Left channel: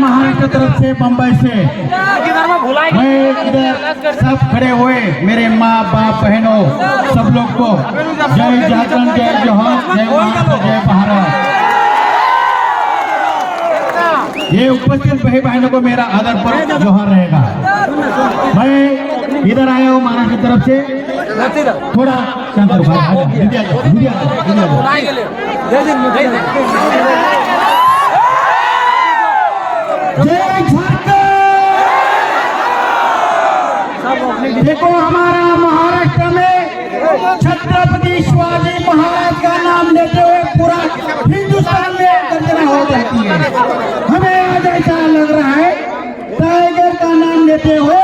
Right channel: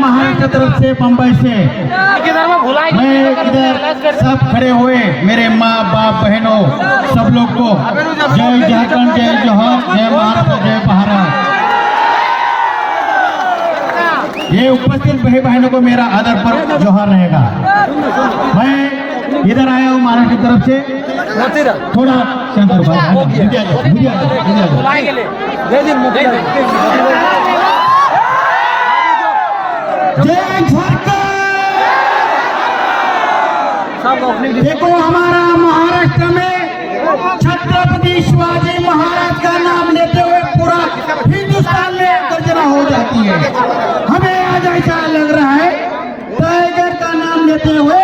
महाराष्ट्र तरफ से, बम्बई से मैं इधर सब खड़े हुए मेरे माँ बाप बहनों सब लोग को जय झारखंड, जय जोहर, जय महाराष्ट्र, जय भारत। ये उपस्थित भाई बहनों को मेरा आदर पर जोहर रहेगा। मैं इधर आया हूँ महाराष्ट्र तरफ से, थोड़ा शंकर भाई जय झारखंड। देखो हमारा महाराष्ट्र में छत्रपति शिवाजी महाराज का नाम लेते हुए पूरा हिंदुस्तान में गर्जना हो जाती है। हमें आज ऐसा लग रहा है टाइगर का नाम लेते हुए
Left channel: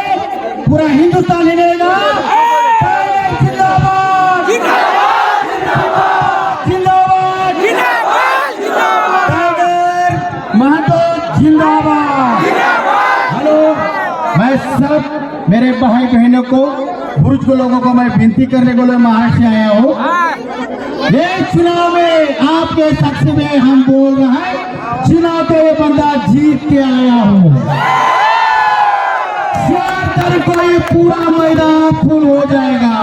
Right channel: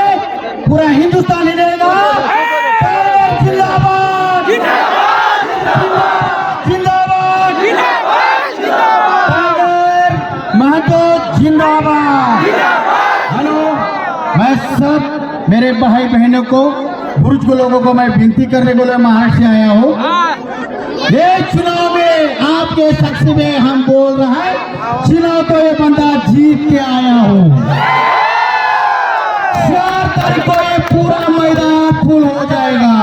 पूरा हिंदुस्तान हिलेगा। जिंदाबाद जिंदाबाद टाइगर महतो जिंदाबाद। हेलो, मैं सब मेरे भाई बहनों को, बुजुर्ग लोगों को मैं विनती करने के लिए महाराष्ट्र से आया हूँ। ये चुनाव में आपके शख्स में हम बोल रहे हैं, चुनाव तो ये बंदा जीत के आया हूँ। 4 तारीख को ये पूरा मैदान फुल हो जाएगा,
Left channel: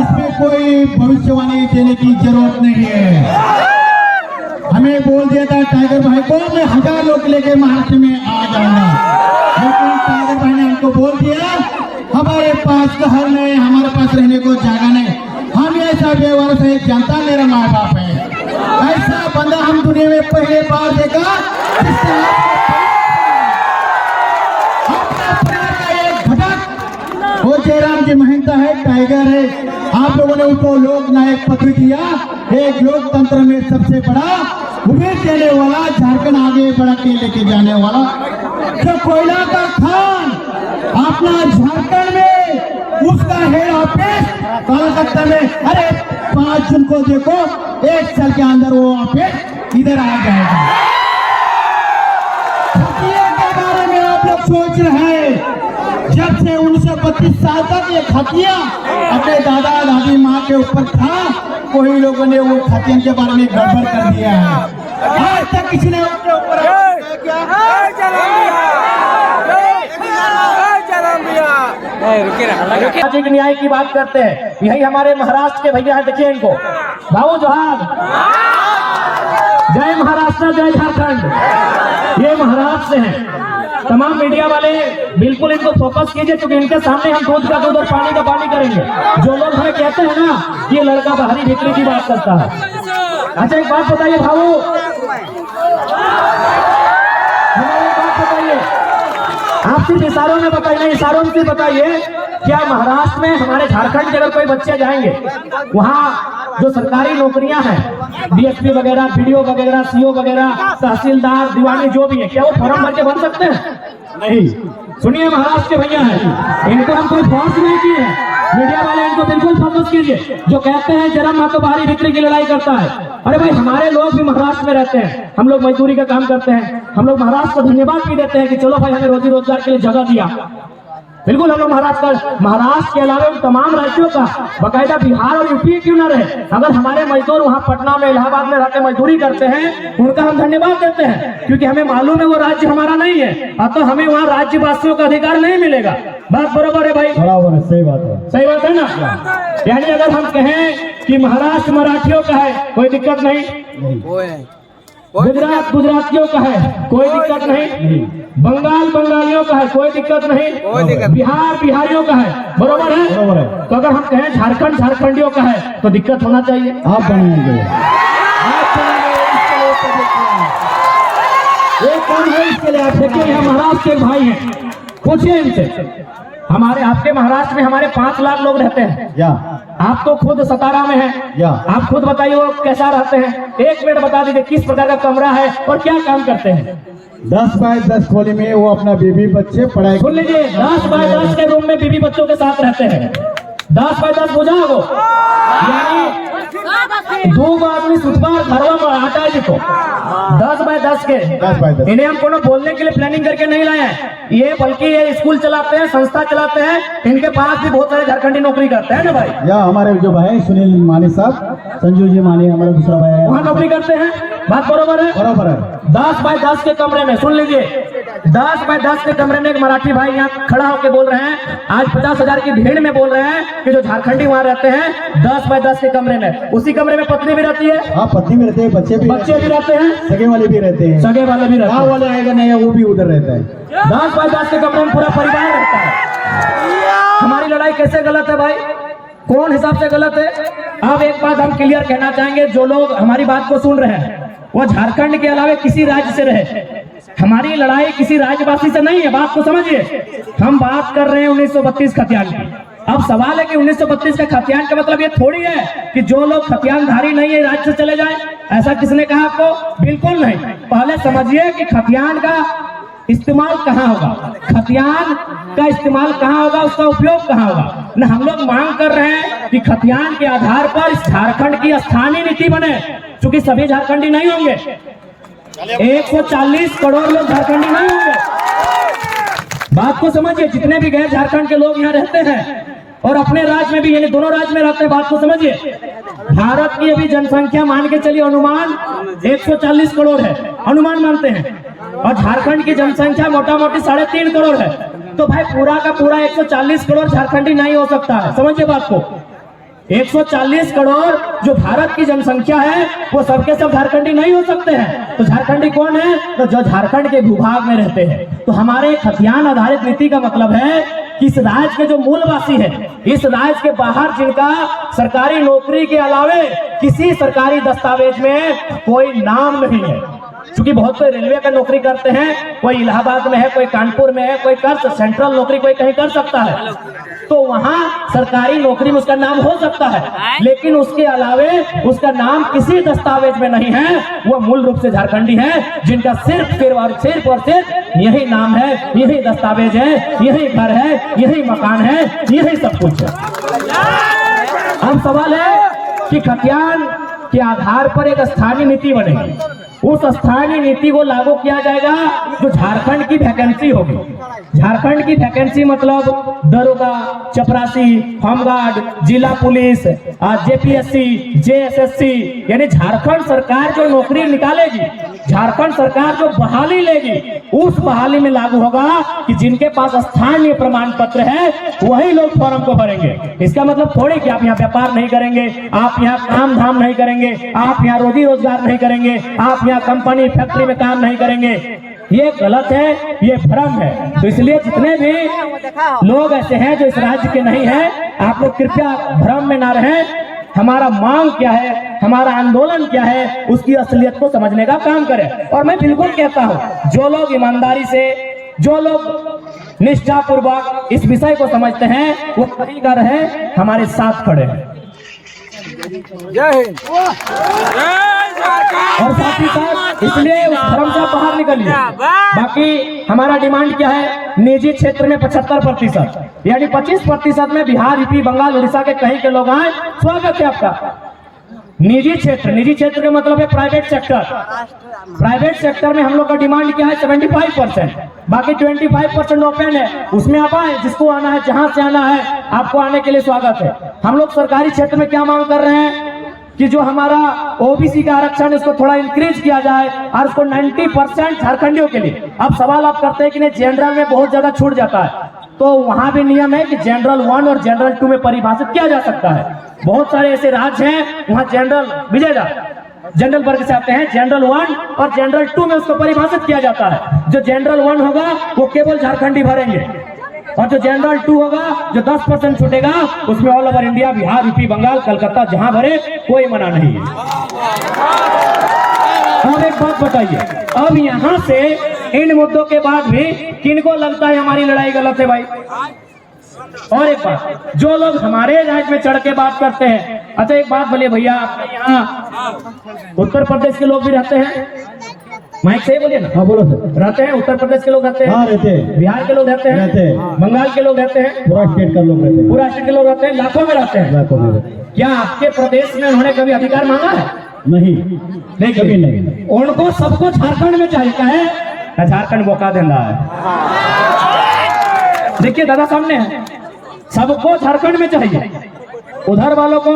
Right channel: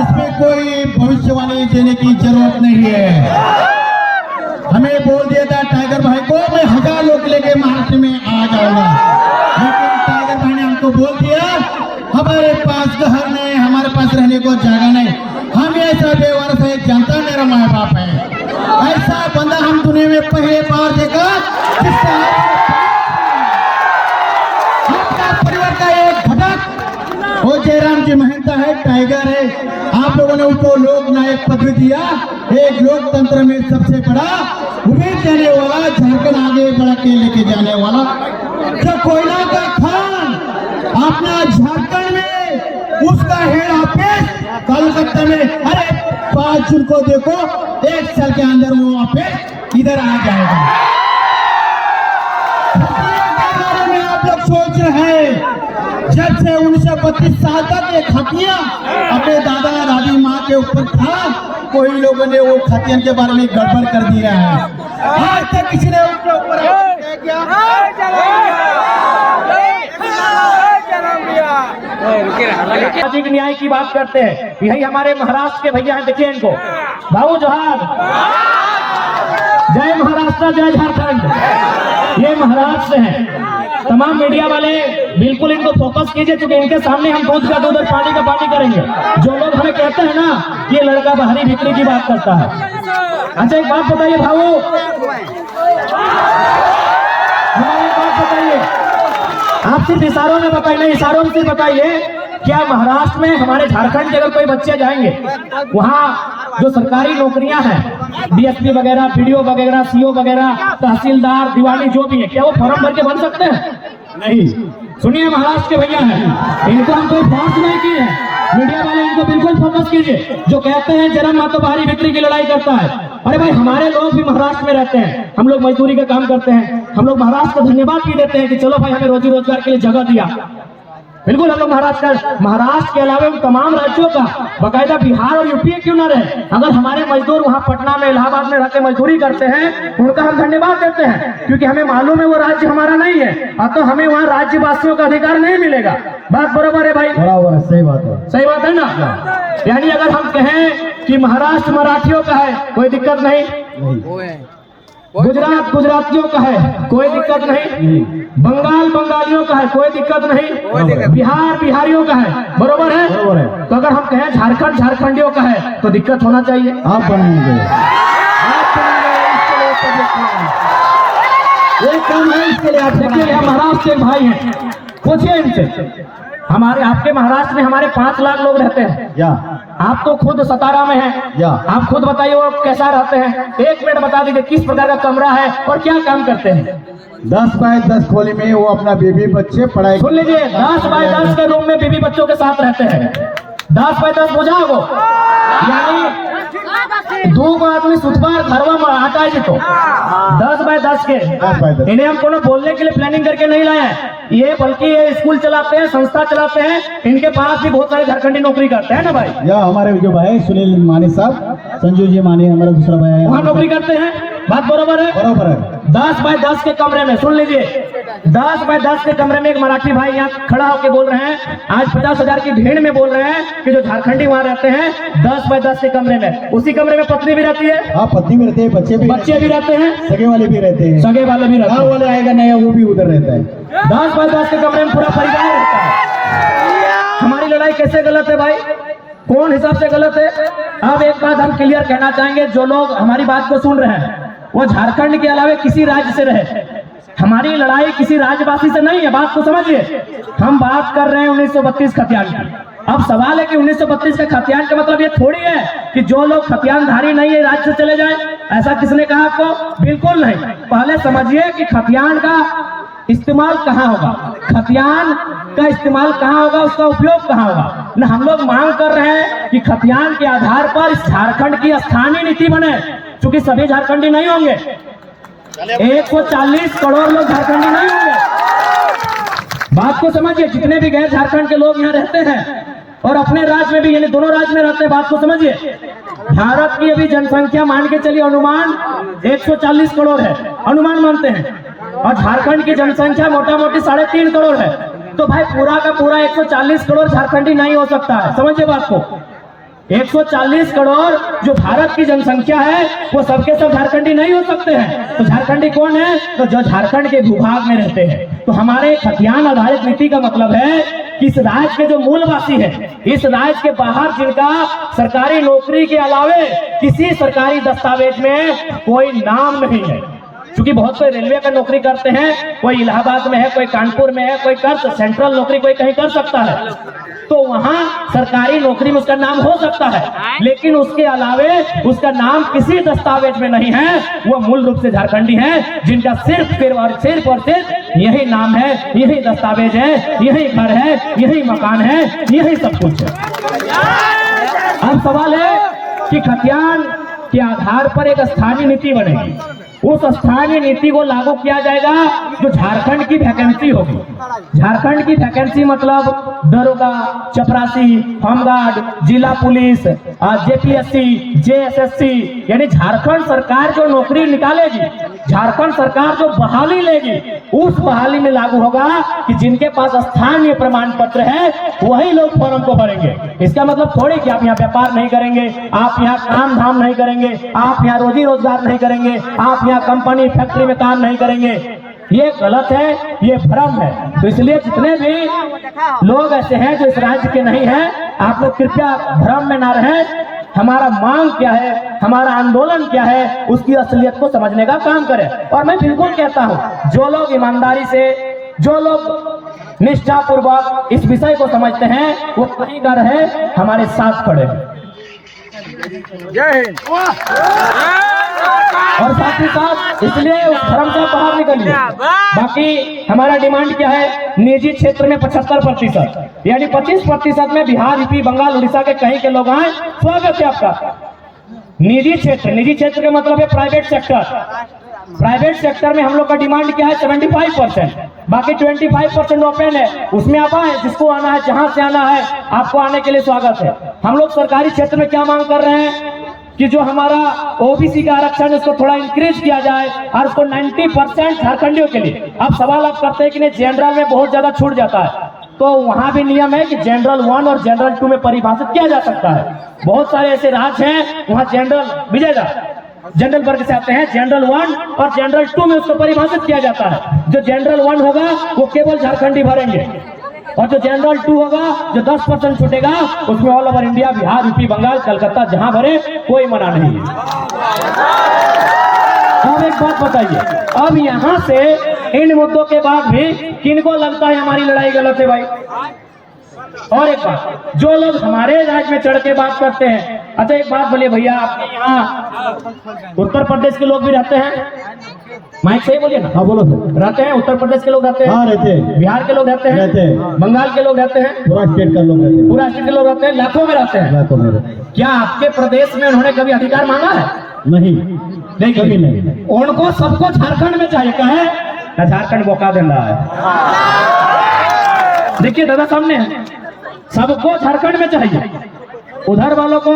इसमें कोई भविष्यवाणी देने की जरूरत नहीं है। हमें बोल दिया था टाइगर भाई को मैं 1000 लोग लेके महाराष्ट्र में आ जाऊंगा, लेकिन टाइगर भाई ने हमको बोल दिया हमारे पास घर नहीं, हमारे पास रहने को जगह नहीं। हम ऐसा बेवरस है, जनता मेरा माँ बाप है। ऐसा बंदा हम दुनिया में पहले बार देखा। का एक घटक वो जयराम जी महंता है, टाइगर है। आप लोगों ने उनको लोक नायक पदवी दिया, एक लोकतंत्र में सबसे बड़ा उम्मीद देने वाला, झारखंड आगे बढ़ के लेके जाने वाला जो कोयला का खान अपना झारखंड में, उसका हेड ऑफिस कोलकाता में। अरे 5 जून को देखो, 1 साल के अंदर वो ऑफिस इधर आ जाएगा। के बारे में आप लोग सोच रहे हैं, जब से 1932 साल तक ये खतिया अपने दादा दादी माँ के ऊपर था, कोई लोगों ने वो खतियन के बारे में गड़बड़ कर दिया है। आज तक किसी ने उनके ऊपर क्या सामाजिक न्याय की बात करते हैं। यही हमारे महाराष्ट्र के भैया हैं, देखिए इनको। बाबू जोहार, जय महाराष्ट्र, जय झारखंड। ये महाराष्ट्र से हैं। तमाम मीडिया वाले बिल्कुल इनको फोकस कीजिए, क्योंकि इनके सामने हम दूध का दूध और पानी का पानी करेंगे। जो लोग हमें कहते हैं ना ये लड़का बाहरी भीतरी की बात करता है। अच्छा एक बात बताइए भाऊ, आप सिर्फ इशारों में बताइए, इशारों से बताइए, क्या महाराष्ट्र में हमारे झारखंड के अगर कोई बच्चे जाएंगे, वहाँ जो सरकारी नौकरियां हैं, डीएसपी वगैरह, बीडीओ वगैरह, सीओ वगैरह, तहसीलदार, दीवानी जो भी है, क्या वो फॉर्म भर के बन सकते हैं? नहीं। सुनिए महाराष्ट्र के भैया हैं, इनको हम कोई फोर्स नहीं किए हैं। मीडिया वाले इनको बिल्कुल फोकस कीजिए। जो कहते हैं जरा माँ तो बाहरी भीतरी की लड़ाई करता है, अरे भाई हमारे लोग भी महाराष्ट्र में रहते हैं, हम लोग मजदूरी का काम करते हैं, हम लोग महाराष्ट्र को धन्यवाद भी देते हैं कि चलो भाई हमें रोजी रोजगार के लिए जगह दिया। बिल्कुल हम लोग महाराष्ट्र के अलावा तमाम राज्यों का, बाकायदा बिहार और यूपी क्यों न रहे, अगर हमारे मजदूर वहाँ पटना में, इलाहाबाद में रहकर मजदूरी करते हैं, उनका हम धन्यवाद देते हैं, क्योंकि हमें मालूम है वो राज्य हमारा नहीं है, तो हमें वहाँ राज्यवासियों का अधिकार नहीं मिलेगा। बात बरोबर है भाई? बराबर है, सही बात है, सही बात है ना। यानी अगर हम कहें कि महाराष्ट्र मराठियों का है, कोई दिक्कत नहीं, गुजरात गुजरातियों का है, कोई दिक्कत नहीं, बंगाल बंगालियों का है, कोई दिक्कत नहीं, बिहार बिहारियों का है, बरोबर है? बरोबर है। तो अगर हम कहें झारखंड झारखंडियों का है तो दिक्कत होना चाहिए। आप बनाएंगे, एक काम है इसके लिए। आप देखिए हम महाराष्ट्र के भाई हैं, पूछिए इनसे। हमारे आपके महाराष्ट्र में हमारे 5 लाख लोग रहते हैं, या आप तो खुद सतारा में हैं, या आप खुद बताइए वो कैसा रहते हैं। 1 मिनट बता दीजिए किस प्रकार का कमरा है और क्या काम करते हैं। 10 बाय 10 खोली में वो अपना बीबी बच्चे पढ़ाई। सुन लीजिए, 10 बाय 10 के रूम में बीबी बच्चों के साथ रहते हैं। 10 बाय 10 बुझा हो, यानी दो आदमी सुतबार घरवा में हटाए जी तो 10 बाय 10 के 10 बाय 10। इन्हें हम कोनो बोलने के लिए प्लानिंग करके नहीं लाए हैं, ये बल्कि ये स्कूल चलाते हैं, संस्था चलाते हैं, इनके पास भी बहुत सारे झारखंडी नौकरी करते हैं ना भाई। या हमारे जो भाई सुनील मानी साहब, संजू जी मानी हमारा दूसरा भाई है, वहाँ नौकरी करते हैं, बात बरोबर है। बराबर है। 10 बाय 10 के कमरे में सुन लीजिए, 10 बाय 10 के कमरे में एक मराठी भाई यहाँ खड़ा होकर बोल रहे हैं, आज 50,000 की भीड़ में बोल रहे हैं कि जो झारखंडी वहाँ रहते हैं 10 बाय 10 के कमरे में, उसी कमरे में पत्नी भी रहती है, हाँ पत्नी भी रहते हैं, बच्चे भी रहते हैं, सगे वाले भी रहते हैं, सगे वाले भी रहते गाँव हैं। वाले आएगा नहीं वो भी उधर रहता है। 10 बाय 10 के कमरे में पूरा परिवार रहता है। हमारी लड़ाई कैसे गलत है भाई, कौन हिसाब से गलत है? अब एक बात हम क्लियर कहना चाहेंगे, जो लोग हमारी बात को सुन रहे हैं वो झारखंड के अलावा किसी राज्य से रहे, हमारी लड़ाई किसी राज्यवासी से नहीं है, बात को समझिए। हम बात कर रहे हैं 1932 खतियान की। अब सवाल है कि 1932 का खतियान का मतलब ये थोड़ी है कि जो लोग खतियानधारी नहीं है राज्य से चले जाएं, ऐसा किसने कहा आपको? बिल्कुल नहीं। पहले समझिए कि खतियान का इस्तेमाल कहाँ होगा, खतियान का इस्तेमाल कहाँ होगा, उसका उपयोग कहाँ होगा। न हम लोग मांग कर रहे हैं कि खतियान के आधार पर इस झारखंड की स्थानीय नीति बने, क्योंकि सभी झारखंडी नहीं होंगे, 140 करोड़ लोग झारखंडी नहीं होंगे। बात को समझिए, जितने भी गैर झारखंड के लोग यहाँ रहते हैं और अपने राज्य में भी, यानी दोनों राज्य में रहते हैं, बात को समझिए। भारत की अभी जनसंख्या मान के चलिए अनुमान 140 करोड़ है, अनुमान मानते हैं, और झारखंड की जनसंख्या मोटा मोटी 3.5 करोड़ है। तो भाई पूरा का पूरा 140 करोड़ झारखंडी नहीं हो सकता है, समझिए बात को। 140 करोड़ जो भारत की जनसंख्या है वो सबके सब झारखंडी नहीं हो सकते हैं। तो झारखंडी कौन है? तो जो झारखंड के भूभाग में रहते हैं। तो हमारे खतियान आधारित नीति का मतलब है कि इस राज्य के जो मूलवासी है, इस राज्य के बाहर जिनका सरकारी नौकरी के अलावे किसी सरकारी दस्तावेज में कोई नाम नहीं है, क्योंकि बहुत से रेलवे का नौकरी करते हैं, कोई इलाहाबाद में है, कोई कानपुर में है, कोई कर सेंट्रल नौकरी कोई कहीं कर सकता है, तो वहां सरकारी नौकरी में उसका नाम हो सकता है, लेकिन उसके अलावे उसका नाम किसी दस्तावेज में नहीं है। वो मूल रूप से झारखंडी है, जिनका सिर्फ और सिर्फ यही नाम है, यही दस्तावेज है, यही घर है, यही मकान है, यही सब कुछ है। अब सवाल है कि खतियान के आधार पर एक स्थानीय नीति बनेगी, उस स्थानीय नीति को लागू किया जाएगा जो झारखंड की वैकेंसी होगी। झारखंड की वैकेंसी मतलब दरोगा, चपरासी, होमगार्ड, जिला पुलिस, जेपीएससी, जेएसएससी, यानी झारखंड सरकार जो नौकरी निकालेगी, झारखंड सरकार जो बहाली लेगी, उस बहाली में लागू होगा कि जिनके पास स्थानीय प्रमाण पत्र है वही लोग फॉर्म को भरेंगे। इसका मतलब थोड़ी कि आप यहाँ व्यापार नहीं करेंगे, आप यहाँ काम धाम नहीं करेंगे, आप यहाँ रोजी रोजगार नहीं करेंगे, आप यहाँ कंपनी फैक्ट्री में काम नहीं करेंगे। ये गलत है, ये भ्रम है। तो इसलिए जितने भी लोग ऐसे हैं जो इस राज्य के नहीं हैं, आप लोग कृपया भ्रम में ना रहें। हमारा मांग क्या है, हमारा आंदोलन क्या है, उसकी असलियत को समझने का काम करें। और मैं बिल्कुल कहता हूं, जो लोग ईमानदारी से, जो लोग निष्ठापूर्वक इस विषय को समझते हैं, वो कहीं का रहे हमारे साथ खड़े हैं। जय हिंद। और साथ ही साथ इसलिए उस भ्रम से बाहर निकलिए। बाकी हमारा डिमांड क्या है? निजी क्षेत्र में 75%, यानी 25% में बिहार, यूपी, बंगाल, उड़ीसा के कहीं के लोग आए, स्वागत है आपका। निजी क्षेत्र का मतलब है प्राइवेट सेक्टर। प्राइवेट सेक्टर में हम लोग का डिमांड क्या है? 75%, बाकी 25% ओपन है, उसमें आप आए, जिसको आना है, जहां से आना है, आपको आने के लिए स्वागत है। हम लोग सरकारी क्षेत्र में क्या मांग कर रहे हैं कि जो हमारा ओबीसी का आरक्षण है उसको थोड़ा इंक्रीज किया जाए और उसको 90% झारखंडियों के लिए। अब सवाल आप करते हैं कि नहीं, जनरल में बहुत ज्यादा छूट जाता है, तो वहां भी नियम है कि जनरल 1 और जनरल 2 में परिभाषित किया जा सकता है। बहुत सारे ऐसे राज्य हैं वहां जनरल विजेगा, जनरल वर्ग से आते हैं, जनरल 1 और जनरल 2 में उसको परिभाषित किया जाता है। जो जनरल 1 होगा वो केवल झारखंडी भरेंगे, और जो जनरल 2 होगा, जो 10% छूटेगा, उसमें all over India, Bihar, UP, Bengal, Calcutta जहां भरे, कोई मना नहीं है। और एक बात बताइए, अब यहां से इन मुद्दों के बाद भी किनको लगता है हमारी लड़ाई गलत है भाई? और एक बात, जो लोग हमारे राज्य में चढ़ के बात करते हैं, अच्छा एक बात बोलिए भैया, आपके यहाँ उत्तर प्रदेश के लोग भी रहते हैं? माइक से बोलिए ना। हाँ बोलो सर। रहते हैं, उत्तर प्रदेश के लोग रहते हैं, हाँ रहते हैं, बिहार के लोग रहते हैं, रहते हैं, बंगाल के लोग रहते हैं, पूरा स्टेट का लोग रहते हैं, पूरा स्टेट के लोग रहते हैं, लाखों में रहते हैं। लाखों में रहते हैं। क्या आपके प्रदेश में उन्होंने कभी अधिकार मांगा है? नहीं, नहीं कभी नहीं। उनको सबको झारखंड में चाहिए, क्या है ना, झारखंड मौका दे रहा है। देखिए दादा सामने है, सबको झारखंड में चाहिए, उधर वालों को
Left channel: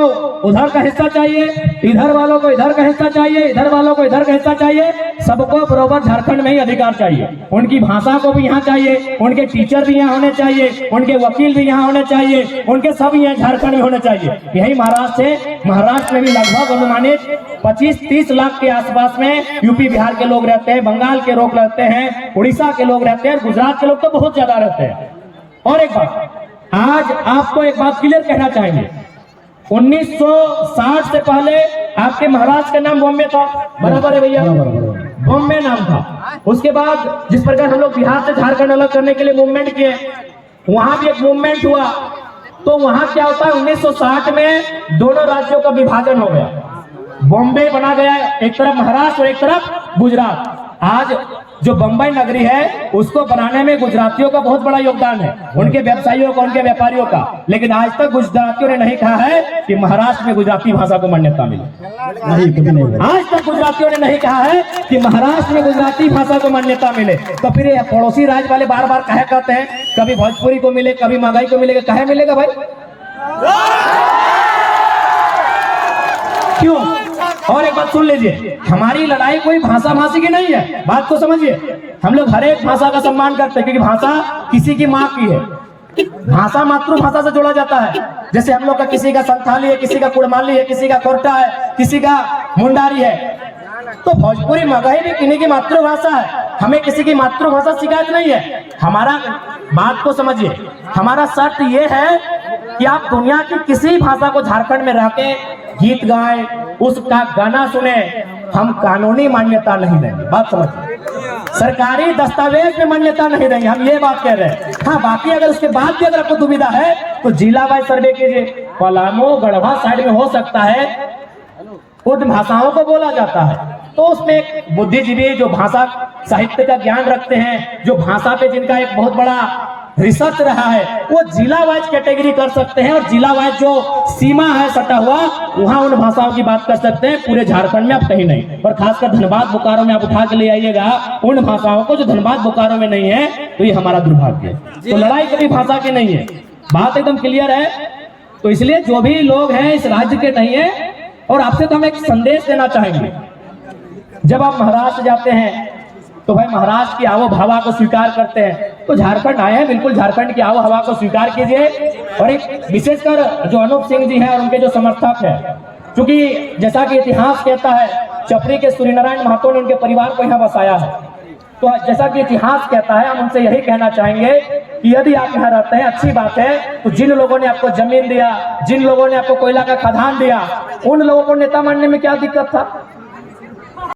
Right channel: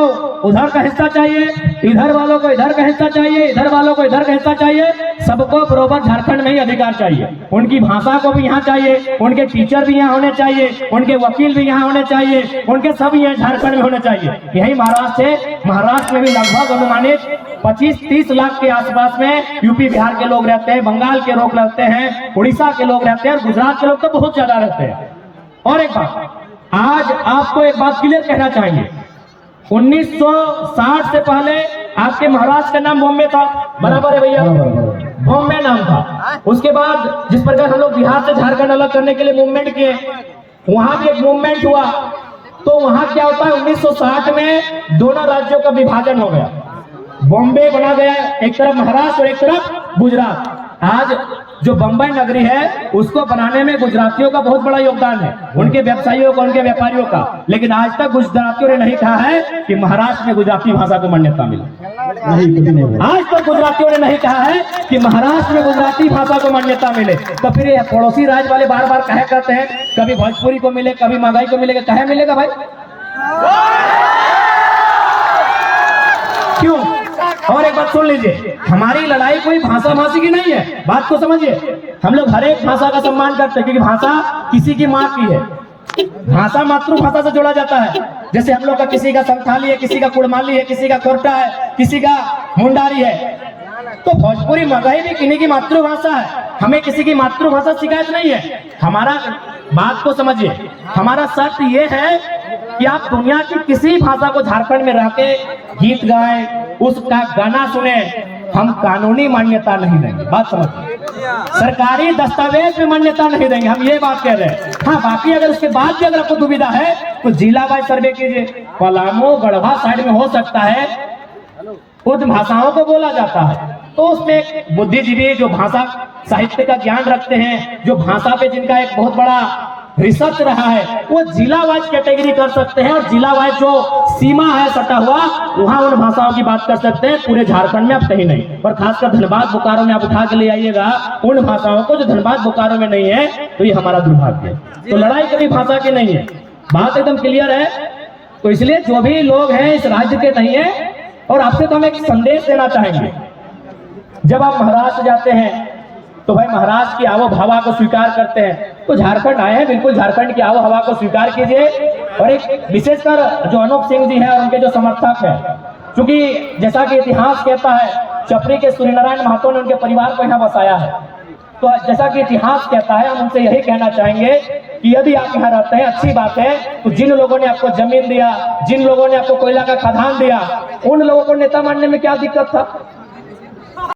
उधर का हिस्सा चाहिए, इधर वालों को इधर का हिस्सा चाहिए, इधर वालों को इधर का हिस्सा चाहिए, सबको बराबर झारखंड में ही अधिकार चाहिए। उनकी भाषा को भी यहाँ चाहिए, उनके टीचर भी यहाँ होने चाहिए, उनके वकील भी यहाँ होने चाहिए, उनके सब यहाँ झारखंड में होने चाहिए। यही महाराष्ट्र है। महाराष्ट्र में भी लगभग अनुमानित 25-30 लाख के आसपास में यूपी बिहार के लोग रहते हैं, बंगाल के लोग रहते हैं, उड़ीसा के लोग रहते हैं, और गुजरात के लोग तो बहुत ज्यादा रहते हैं। और एक बात, आज आपको एक बात क्लियर कहना चाहेंगे, 1960 से पहले आपके महाराष्ट्र का नाम बॉम्बे था, बराबर है भैया, बॉम्बे नाम था। उसके बाद जिस प्रकार हम लोग बिहार से झारखंड अलग करने के लिए मूवमेंट किए, वहां भी एक मूवमेंट हुआ, तो वहां क्या होता है, 1960 में दोनों राज्यों का विभाजन हो गया, बॉम्बे बना गया, एक तरफ महाराष्ट्र और एक तरफ गुजरात। आज जो बम्बई नगरी है उसको बनाने में गुजरातियों का बहुत बड़ा योगदान है, उनके व्यवसायियों का, उनके व्यापारियों का। लेकिन आज तक गुजरातियों ने नहीं कहा है कि महाराष्ट्र में गुजराती भाषा को मान्यता मिले। आज तक गुजरातियों ने नहीं कहा है कि महाराष्ट्र में गुजराती भाषा को मान्यता मिले। तो फिर ये पड़ोसी राज्य वाले बार बार कहे कहते हैं कभी भोजपुरी को मिले, कभी मगही को मिलेगा, कहे मिलेगा भाई? क्यों? और एक बात सुन लीजिए, हमारी लड़ाई कोई भाषा भाषी की नहीं है, बात को समझिए। हम लोग हर एक भाषा का सम्मान करते हैं, क्योंकि भाषा किसी की माँ की है। भाषा मातृभाषा से जोड़ा जाता है। जैसे हम लोग का किसी का संथाली है, किसी का कुड़माली है, किसी का कोरटा है, किसी का मुंडारी है, तो भोजपुरी मगही भी किन्हीं की मातृभाषा है। हमें किसी की मातृभाषा शिकायत नहीं है। हमारा बात को समझिए, हमारा शर्त ये है कि आप दुनिया की किसी भाषा को झारखंड में रह के गीत गाएं, उसका गाना सुने, हम कानूनी मान्यता नहीं देंगे। बात समझिए, सरकारी दस्तावेज में मान्यता नहीं देंगे, हम ये बात कह रहे हैं। हाँ, बाकी अगर उसके बाद भी अगर आपको दुविधा है तो जिला वाइज सर्वे कीजिए। पलामू गढ़वा साइड में हो सकता है कुछ भाषाओं को बोला जाता है, तो उसमें एक बुद्धिजीवी जो भाषा साहित्य का ज्ञान रखते हैं, जो भाषा पे जिनका एक बहुत बड़ा रिसर्च रहा है, वो जिला वाइज कैटेगरी कर सकते हैं, और जिला वाइज जो सीमा है सटा हुआ, वहां उन भाषाओं की बात कर सकते हैं। पूरे झारखंड में आप कहीं नहीं, और खासकर धनबाद बोकारो में आप उठा के ले आइएगा उन भाषाओं को जो धनबाद बोकारो में नहीं है, तो ये हमारा दुर्भाग्य है। तो लड़ाई कभी भाषा की नहीं है, बात एकदम क्लियर है। तो इसलिए जो भी लोग हैं इस राज्य के नहीं है, और आपसे तो हम एक संदेश देना चाहेंगे, जब आप महाराष्ट्र जाते हैं तो भाई महाराष्ट्र की आवो हवा को स्वीकार करते हैं, तो झारखंड आए हैं, बिल्कुल झारखंड की आवो हवा को स्वीकार कीजिए। और एक विशेषकर जो अनूप सिंह जी हैं और उनके जो समर्थक हैं, क्योंकि जैसा कि इतिहास कहता है, चपरी के सूर्यनारायण महतो ने उनके परिवार को यहाँ बसाया है, तो जैसा कि इतिहास कहता है, हम उनसे यही कहना चाहेंगे कि यदि आप यहाँ रहते हैं अच्छी बात है, तो जिन लोगों ने आपको जमीन दिया, जिन लोगों ने आपको कोयला का खदान दिया, उन लोगों को नेता मानने में क्या दिक्कत था?